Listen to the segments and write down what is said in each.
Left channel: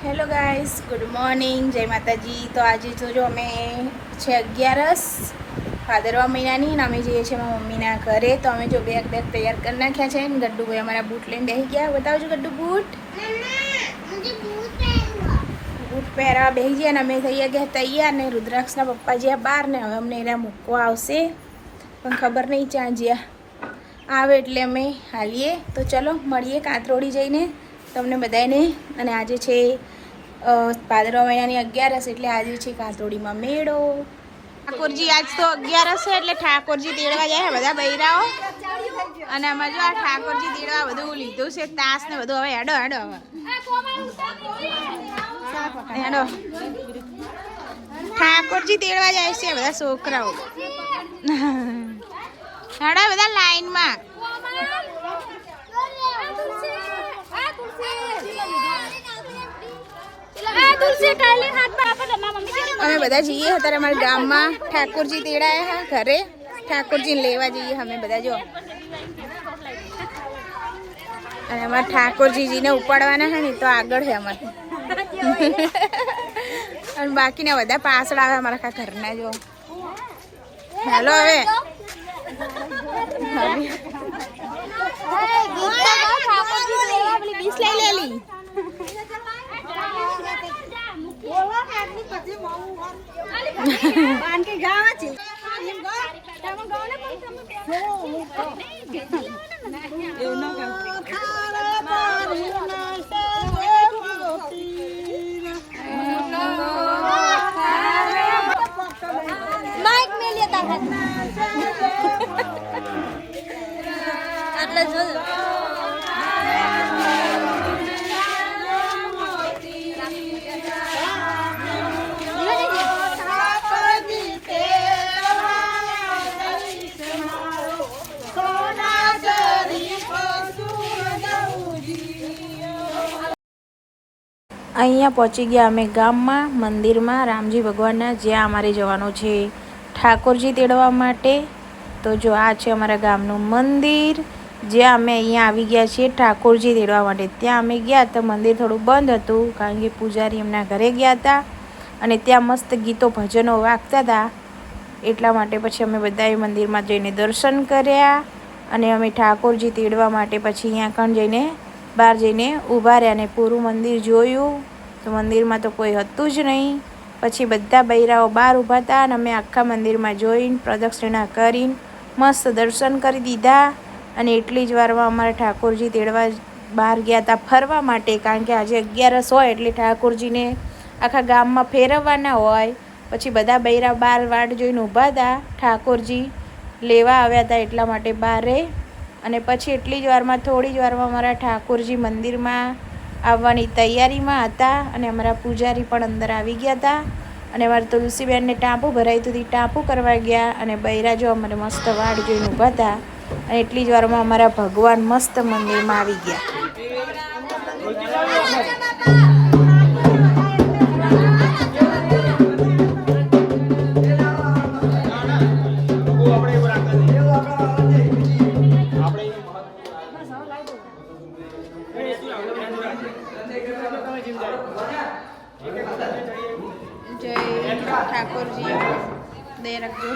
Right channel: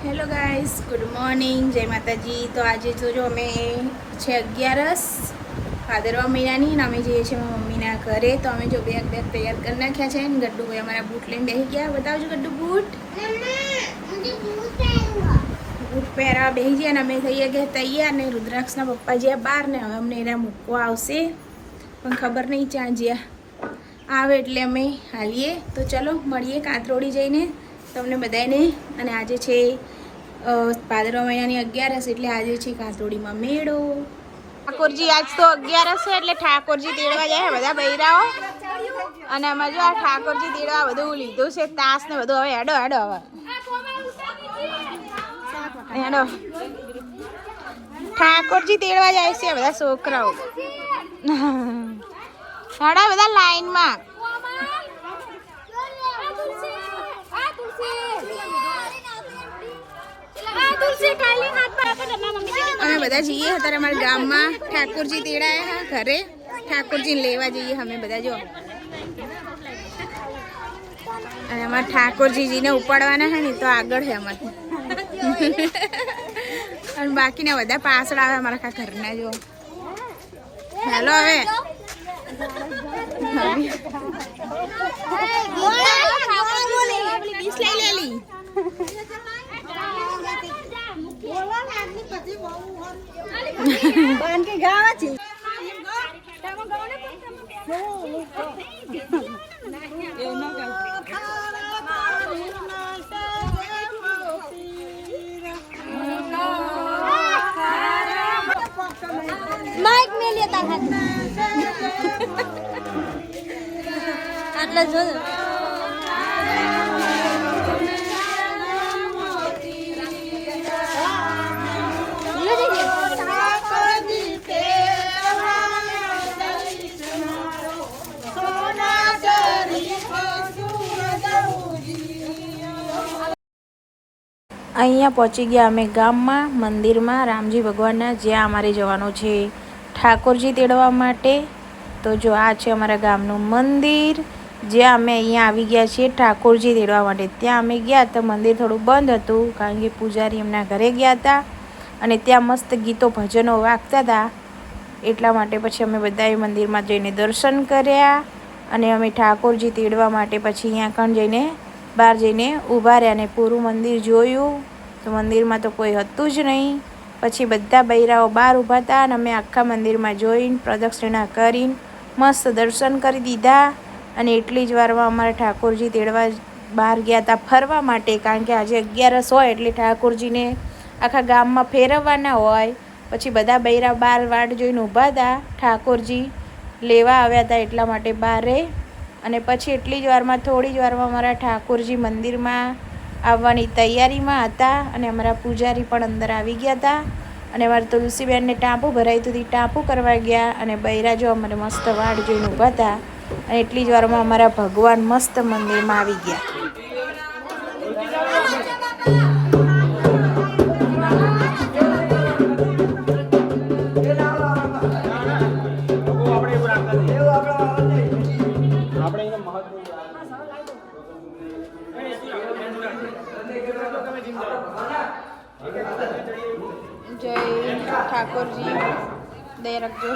Hello guys, good morning, જય માતાજી. તો આજે જોજો અમે છે 11 ભાદરવા મહિનાની અને અમે જઈએ છીએ મારા મમ્મીના ઘરે. તો અમે જો બેગ તૈયાર કરી નાખ્યા છે ને ગડ્ડુભાઈ અમારા બૂટ લઈને બેસી ગયા. બતાવજો ગડ્ડુ બૂટ પહેરવા બેસી ગયા અને અમે થઈ ગયા તૈયાર. ને રુદ્રાક્ષના પપ્પા જ્યાં બહાર ને હવે અમને એના મૂકવા આવશે પણ ખબર નહીં ક્યાં જ્યાં આવે એટલે અમે હાલીએ. તો ચલો મળીએ કાંતરોડી જઈને તમને બધાને. અને આજે છે ભાદરવા મહિનાની 11 એટલે આજે છે કાંતરોડીમાં મેળો. ઠાકોરજી આજ તો 11 છે એટલે ઠાકોરજી તેડવા જાય બધા બૈરાઓ. અને આમાં જો આ ઠાકોરજી તેડવા બધું લીધું છે, તાસ ને બધું. હવે હેડો હેડો હવે હેડો ઠાકોરજી તેડવા જાય છે બધા છોકરાઓ. હેડો બધા લાઈનમાં. અમે બધા જઈએ અત્યારે અમારા ગામમાં ઠાકોરજી તેડાયા હા ઘરે. ઠાકોરજીને લેવા જઈએ અમે બધા જો. અને અમારા ઠાકોરજીને ઉપાડવાના છે ને તો આગળ છે અમારે. અને બાકીના બધા પાછળ આવે અમારા આખા ઘરના જો. હાલો હવે આટલા જો અહીંયા પહોંચી ગયા અમે ગામમાં મંદિરમાં રામજી ભગવાનના, જ્યાં અમારે જવાનું છે ઠાકોરજી તેડવા માટે. તો જો આ છે અમારા ગામનું મંદિર, જ્યાં અમે અહીંયા આવી ગયા છીએ ઠાકોરજી તેડવા માટે. ત્યાં અમે ગયા તો મંદિર થોડું બંધ હતું કારણ કે પૂજારી એમના ઘરે ગયા હતા અને ત્યાં મસ્ત ગીતો ભજનો વાગતા હતા. એટલા માટે પછી અમે બધાએ મંદિરમાં જઈને દર્શન કર્યા અને અમે ઠાકોરજી તેડવા માટે પછી અહીંયા કણ જઈને બહાર જઈને ઊભા રહ્યા અને પૂરું મંદિર જોયું. તો મંદિરમાં તો કોઈ હતું જ નહીં. પછી બધા બૈરાઓ બહાર ઊભા હતા અને અમે આખા મંદિરમાં જોઈને પ્રદક્ષિણા કરીને મસ્ત દર્શન કરી દીધા. અને એટલી જ વારમાં અમારા ઠાકોરજી તેડવા બહાર ગયા હતા ફરવા માટે, કારણ કે આજે 11 હોય એટલે ઠાકોરજીને આખા ગામમાં ફેરવવાના હોય. પછી બધા બૈરા બહાર વાટ જોઈને ઊભા હતા, ઠાકોરજી લેવા આવ્યા હતા એટલા માટે બહારે. અને પછી એટલી જ વારમાં થોડી જ વારમાં અમારા ઠાકોરજી મંદિરમાં આવવાની તૈયારીમાં હતા અને અમારા પૂજારી પણ અંદર આવી ગયા હતા. અને અમારે તુલસીબેનને ટાંપું ભરાયું હતું, ટાંપું કરવા ગયા. અને બૈરા જો અમારે મસ્ત વાડ જોઈને ઊભા હતા અને એટલી જ વારમાં અમારા ભગવાન મસ્ત મંદિરમાં આવી ગયા. જય ઠાકોરજી, દયા રાખજો.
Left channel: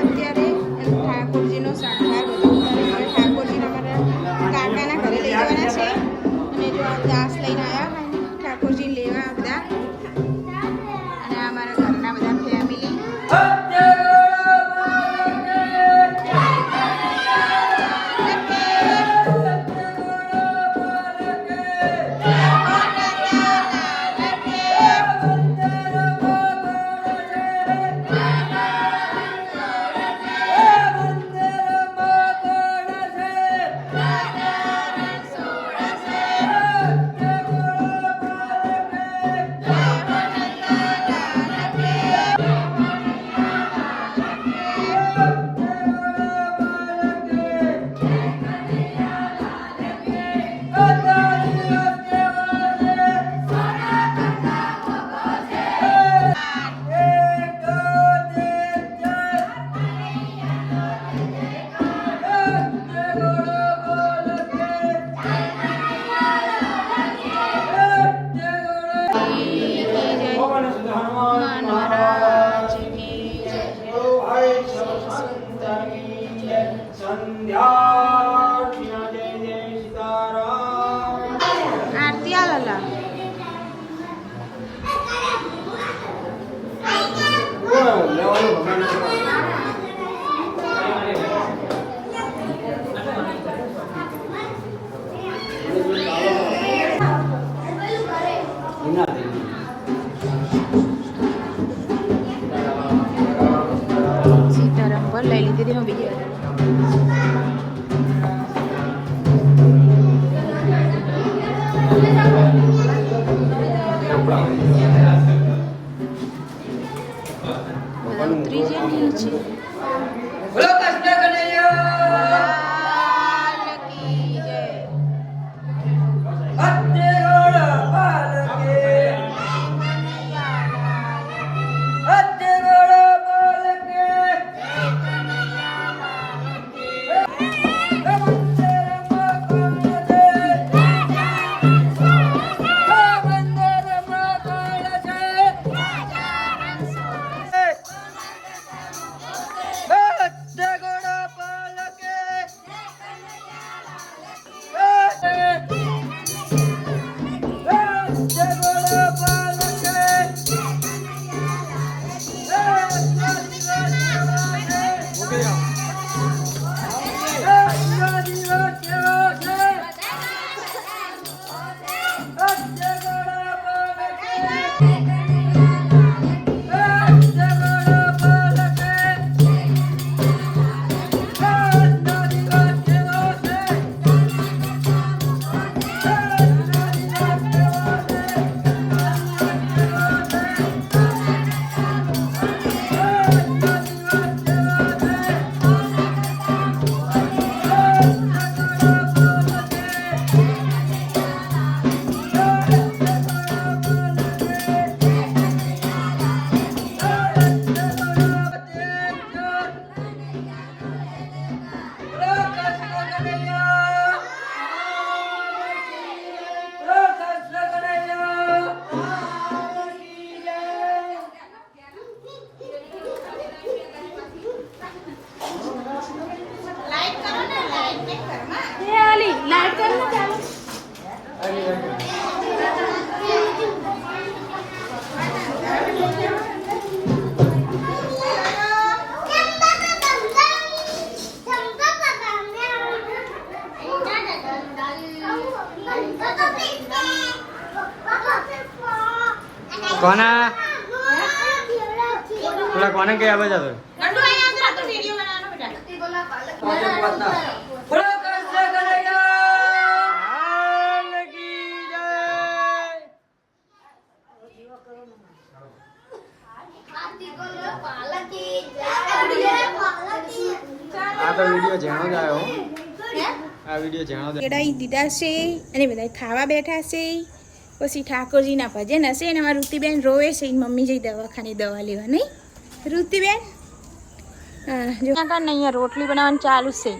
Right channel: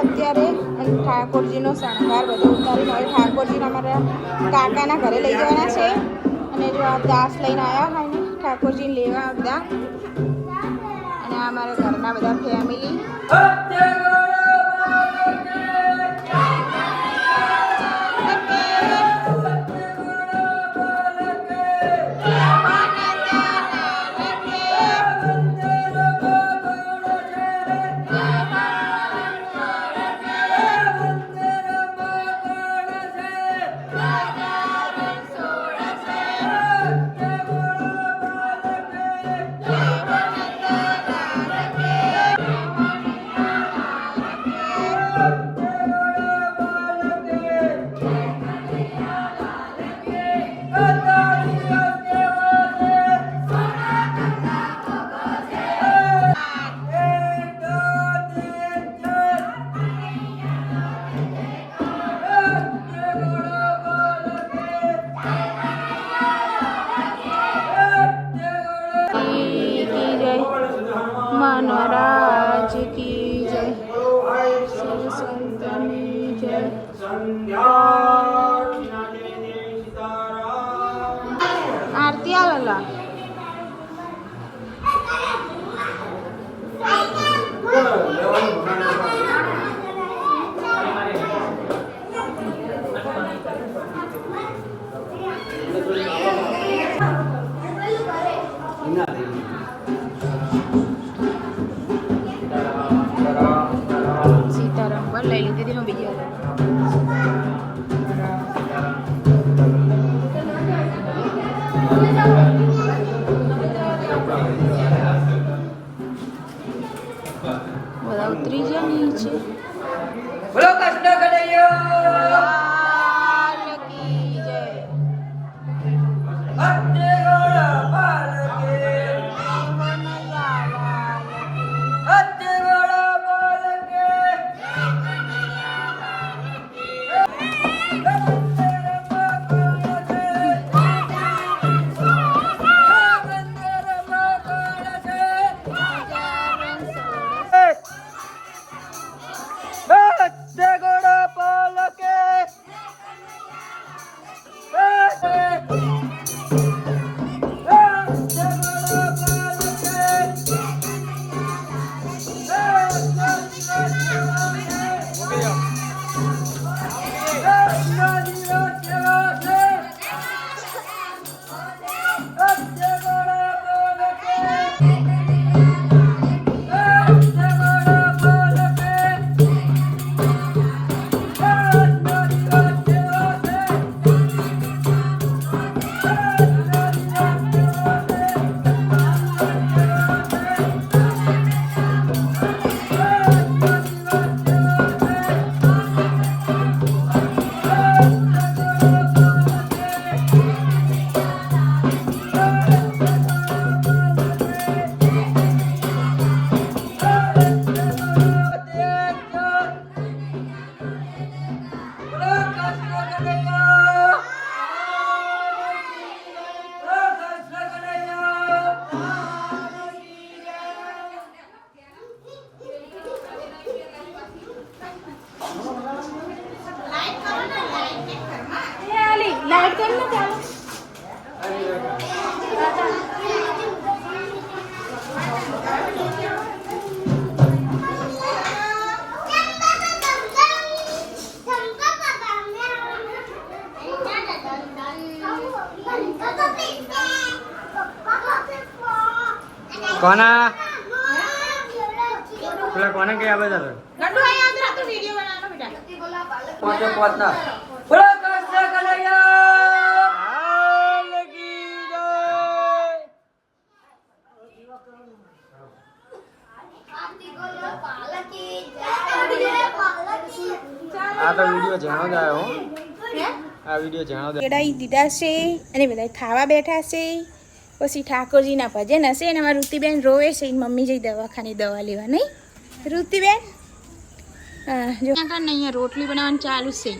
અત્યારે ઠાકોરજીનો શણગાર બધો ઉતારીને હવે ઠાકોરજીને અમારા કાકાના ઘરે લઈ જવાના છે. અને જો આ દાસ લઈને આવ્યા હોય ને ઠાકોરજીને લેવા બધા. અને આ અમારા ઘરના બધા ફેમિલી. આવજે હું બીજી વાર બધા ઉતરી ગયા નીચે કોના પેલા કોને કે આવે જતો આ તો વિડિયો જાણો જ આવ્યો આ વિડિયો જાણો કેડાઈ દીધા છે અને બધા ખાવા બેઠા છે પછી ઠાકોરજીના ભજન હશે અને અમારી ઋતિબેન રોવે છે મમ્મી જઈ દવાખાને દવા લેવા નહીં ઋતિબેન જો કાંઈ અહીંયા રોટલી બનાવવાનું ચાલુ છે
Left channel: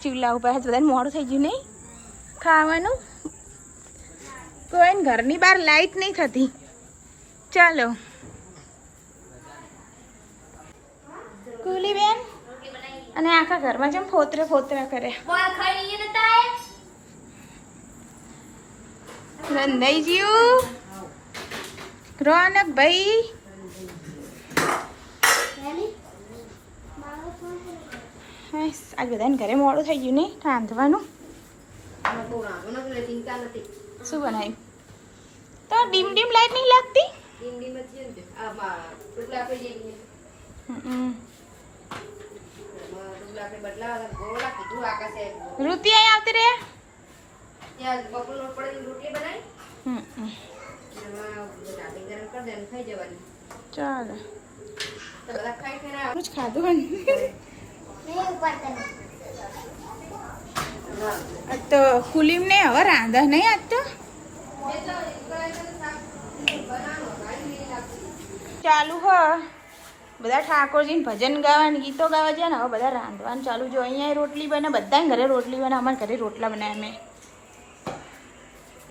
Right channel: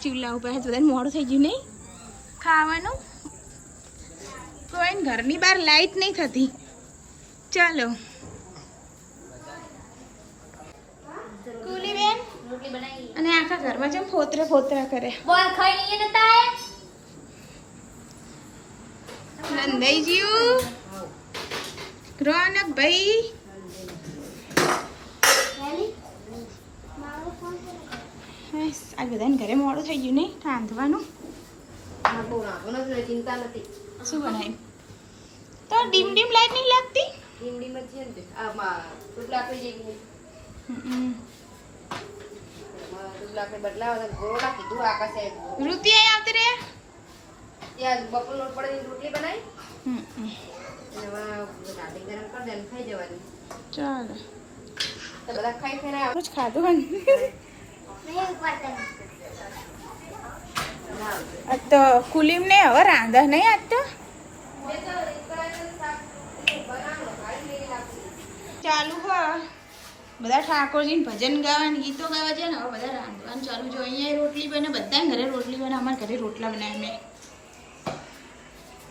ચૂલા ઉપર બધાને મોડું થઈ ગયું નહીં ખાવાનું કોઈ ઘરની બહાર લાઈટ નહીં થતી ચાલો કુલીબેન અને આખા ઘરમાં જેમ ફોતરા ફોતરા કરે નંદાઈજીયું રોનક ભાઈ આજ બધાને ઘરે મોડું થઈ ગયું ને રાંધવાનું શું બનાવ્યું તો ડીમ ડીમ લાઈટ નહીં લાગતી ઋતિ અહીં આવતી રે ચાલો कुछ खा दो तो कुलीम ने હવે રાંધા નહીં આજ તો ચાલુ હ બધા ઠાકોરજીને ભજન ગાવાનું ગીતો ગાવા છે ને હવે બધા રાંધવાનું ચાલુ જો અહીંયા રોટલી બને બધા ઘરે રોટલી બને અમારા ઘરે રોટલા બનાવ્યા મેં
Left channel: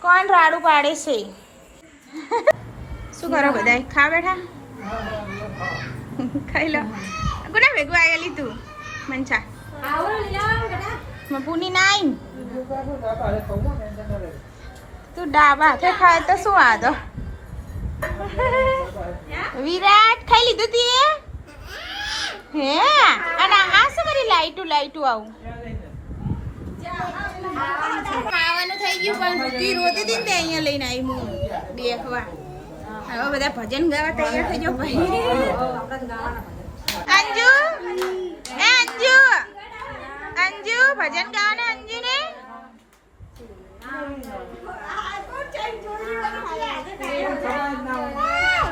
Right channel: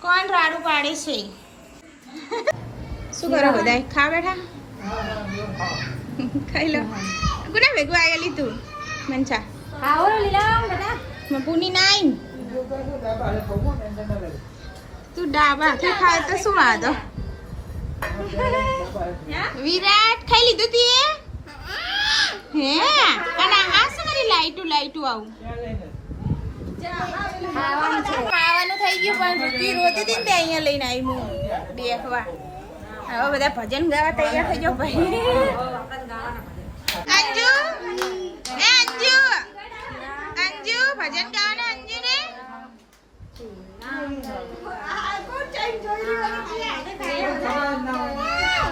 કોણ રાડું પાડે છે શું કરો બધા ખા બેઠા ખાઈ લો ગુના ભેગું આવેલી તું મંચા મપુની નાઈ તું ડાબા હાથે ખાય તો શું વાંધો વિરાટ ખાઈ લીધું તી હે અને આ શું કરી લાઈટું આવું ખાવાનું થઈ ગયું પણ તું રોતી હતી ને અહીંયા લઈને આવી હું બેખવા હવે બધા ભજન ગાવા તૈયાર થઈ જાઓ ભાઈ અંજુ એ અંજુ અંજુ અંજુ ભજન ગાવાના અંજુ ને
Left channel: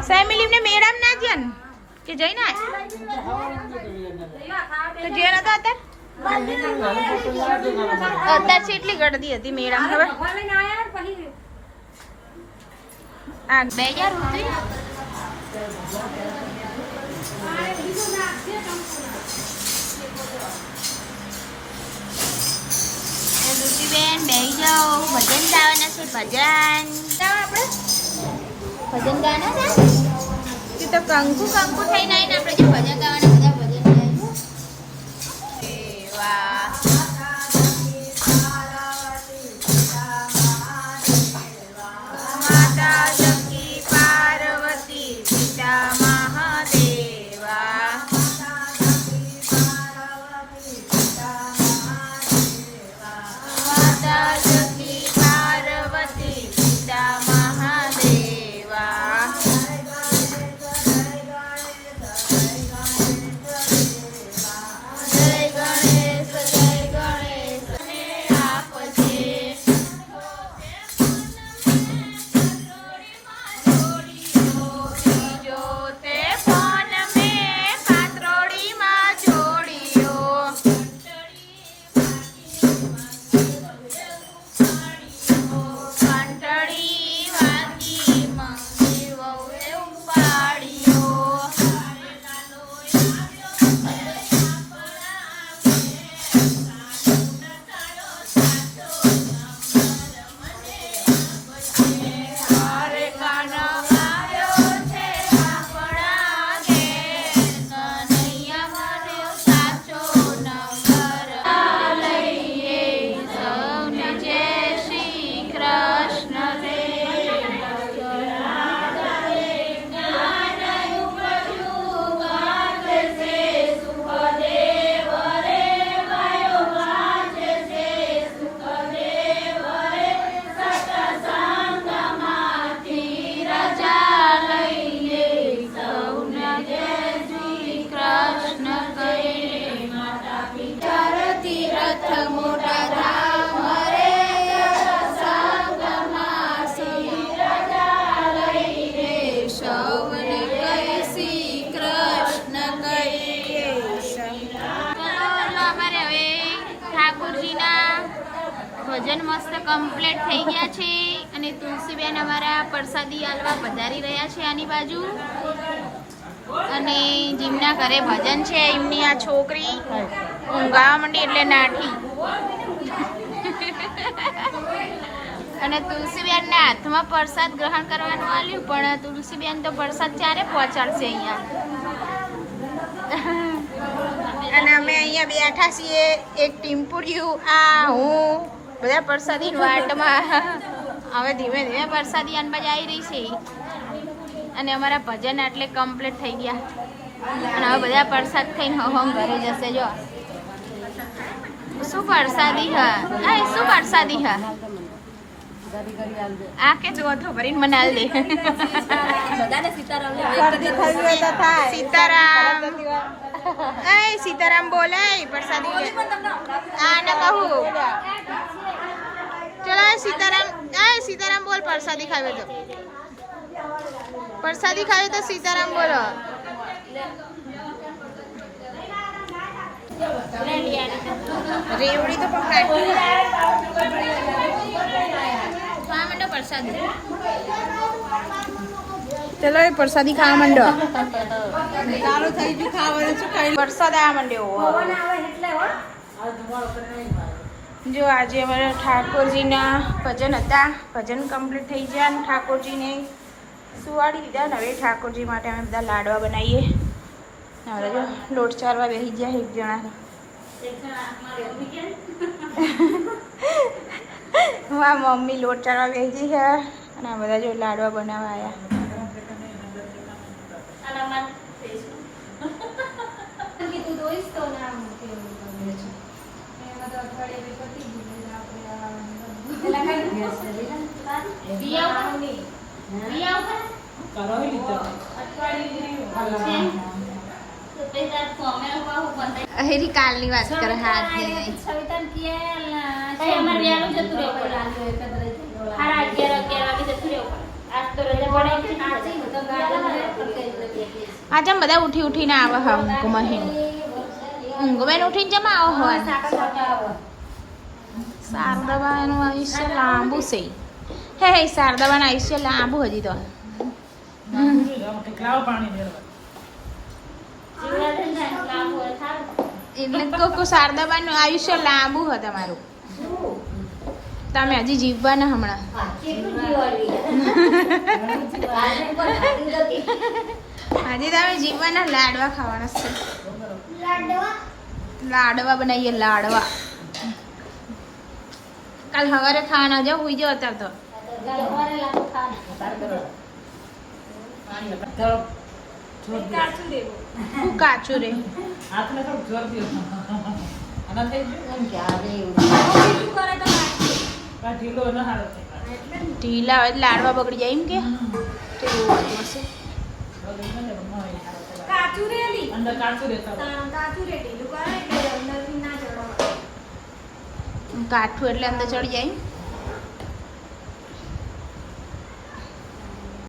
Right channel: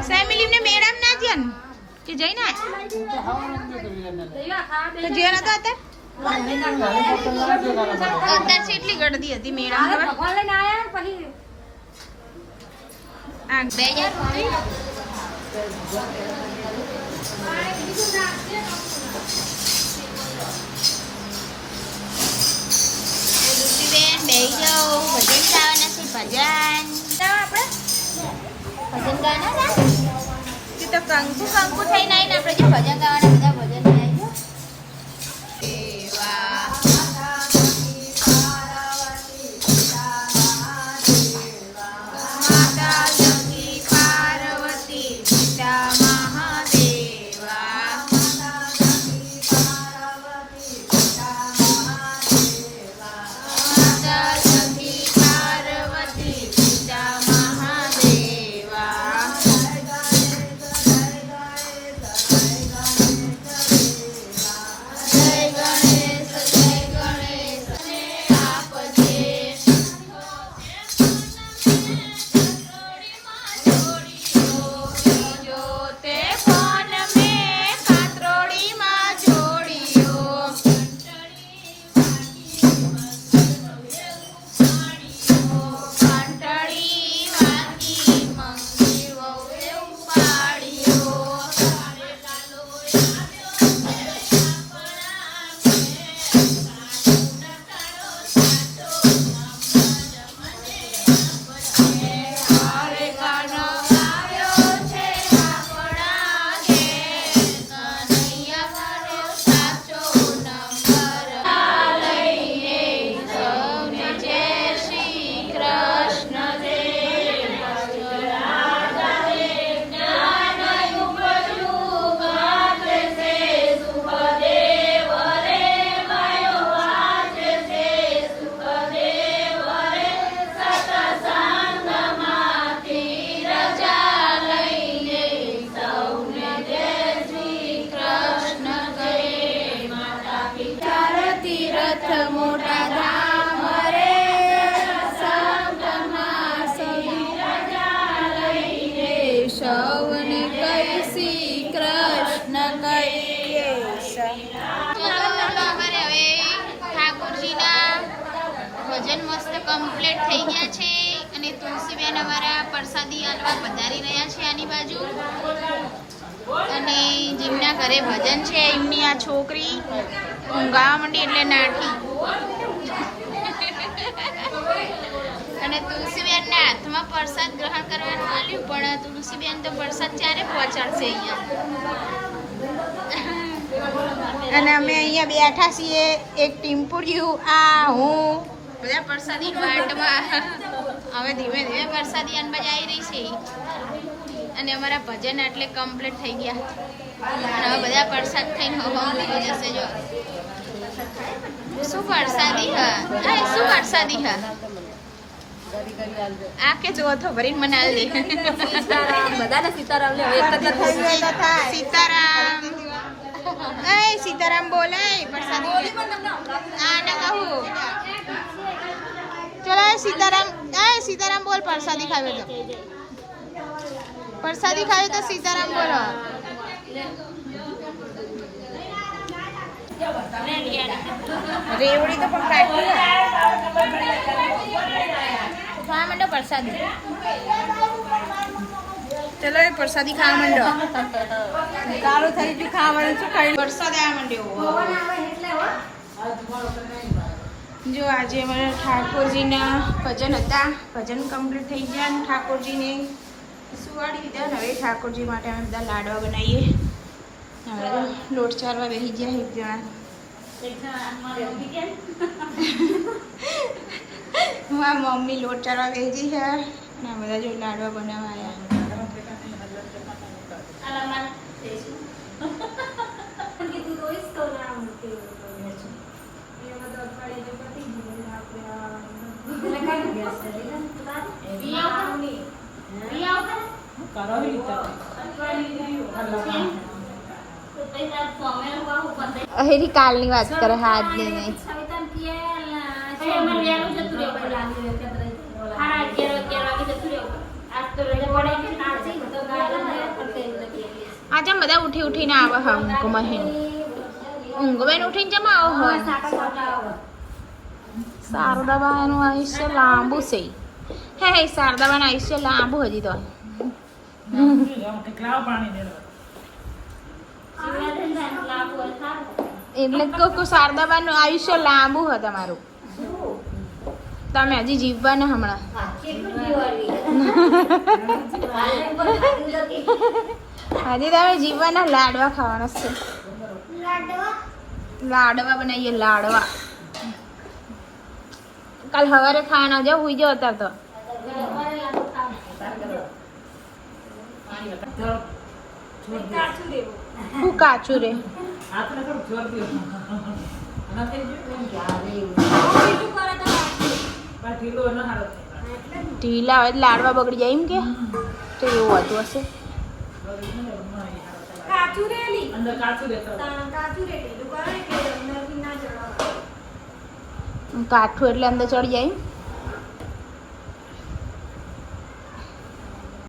ફેમિલી ને મેડમ ના જન કે જઈ ના તો જે નતો અત્યારે એટલી ગળદી હતી મેડમ ખબર આ 2000 રૂપિયા બેન બેહી જાઓ ભજન ગાવાના છે ભજન આપણે ભજન ગાવાના છે કે તો કંકુ કંકુ થઈને આવીને આપણે જે ભજન ગાવાના બધા ભજન ગાય માતા શક્તિ પાર્વતી પિતા મહાદેવા ભજન મસ્ત કમ્પ્લીટ થઈ ગયા છે અને તુલસીબેન અમારા પ્રસાદી આલવા પધારી રહ્યા છે આની બાજુ અને જેમના ઘરે ભજન છે એમની આ છોકરી ઊંઘાવા માંડી એટલે નાઠી અને તુલસીબેનના હાથમાં પ્રસાદ ગ્રહણ કરવાનું આવ્યું પણ તુલસીબેન તો પ્રસાદ ચારે પહોંચાડશે અહીંયા અને અમે અહીંયા બેઠા છીએ એક ટીમ્પુરિયું આ હું બધા પ્રસાદી વાટમાં હવે ધીમે ધીમે પ્રસાદી અનબાજ આવી રહી છે અને અમારા ભજન એટલે કમ્પ્લીટ થઈ ગયા અને હવે બધા પ્રસાદ ખાઈને હમ ભરી જશે જો શું પ્રસાદી હા શું પ્રસાદી હા આ કે જો તો ભરીને મને આલ દે બધાને સીતારામ લે સીતારામ એ સીતારામ બોલાય પ્રસાદી આ ન કહું ચલો સીતારામ બોલ પ્રસાદી ખાવે તો સીતારામ બોલો રેવડી તો પણ કાઢી ખાવા માંડો પ્રસાદી ચલો એ પ્રસાદી ખાવા માંડો પ્રસાદ આવવા માંડ્યો જો આજે અમારા ઠાકોરજીના ભજન હતા ભજન કમ્પ્લીટ થઈ ગયા અને ઠાકોરજીને સુવાડી દીધા ને હવે ઠાકોરજી માટે અમે બધા લાડવા બનાવીએ હવે જો લોટ ચારવા બેસી ગયા એક જણા મારા મમ્મી લોટ ચારવા બેસી છે અને આ બધા જો લાડવા બનાવવા આવ્યા હેરી કાલની વાત કરે હાથ દે નહીં આજે બધા ઉઠી ઉઠીને આવે હા ઊંઘમાં ઊંઘ બેન ઉઠીને જમા આવો હોય શારદાબાનું આયુષ્ય લાંબુ છે હે શારદાબાનું આયુષ્ય લાંબુ હજી તો એટલે કહું શારદાબાનું આયુષ્ય લાંબુ હોય તમારું તમે હજી જીવવાના હમણાં હજી તમે જીવવાના લાડવા ખાવાના છે લાડવા બનાવીએ લાડવા કાલ સવારે ખાવાના જાવ હુઈ જાવ અત્યારે તો હું કાચું રે ઢીલા હોય લાડવા બગડી જાય એમ કે તો એવું હતું હશે કાઠું એટલે અંદર ચડી જાય